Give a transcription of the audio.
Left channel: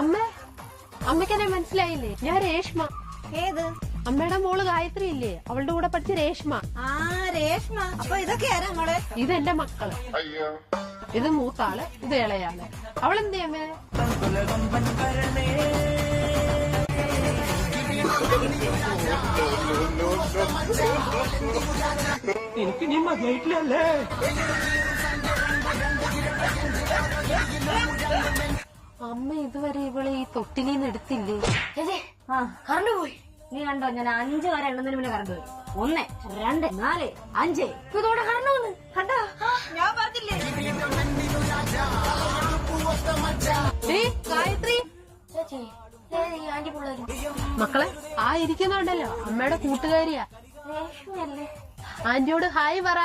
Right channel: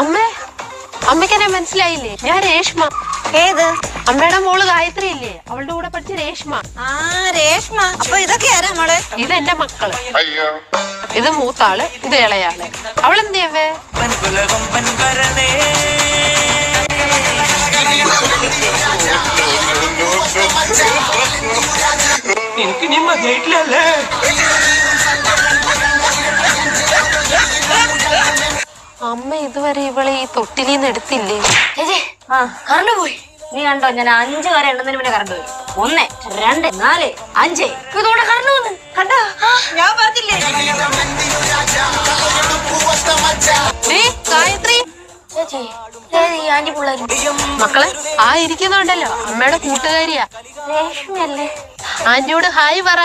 അമ്മ അമ്മയ്ക്കെന്നെ മനസ്സിലായില്ലേ? ഞാൻ രേഷ്മ. ഏത്? അമ്മയുടെ മോള് ഗായത്രി ഇല്ലേ, അവളുടെ കൂടെ പഠിച്ച രേഷ്മ. ആ രേഷ്മ. അപ്പൊ ഇതൊക്കെ ആരാ മോളെ? ഇതെന്റെ മക്കള്. ഇത് മൂത്താള്, ഇത് ഇളയാള്. അവളെന്തിയവേ? എനിക്ക് നീ മതിയായിട്ടില്ലല്ലേ? അമ്മ ഇതുവരെ ഇവളെ ഈ തൊട്ടിലിന്ന് എടുത്തില്ലേ? കറണ്ട് പോയി. നീ കണ്ടോ, ഞാൻ 5 വരെ എണ്ണുന്നതിന് മുന്നേ കറണ്ട് പോയി. 1 2 4 5 ഇതോടെ കറണ്ട് വന്നു. കണ്ടോ, ഞാൻ പറഞ്ഞില്ലേ? ഗായത്രി മക്കളെ, ആ ഇരിക്കുന്നുണ്ടല്ലോ അമ്മയുടെ കൂട്ടുകാരിയാ. രേഷ്മയല്ലേ? ആന്റിയോട് ഹായ് പറ.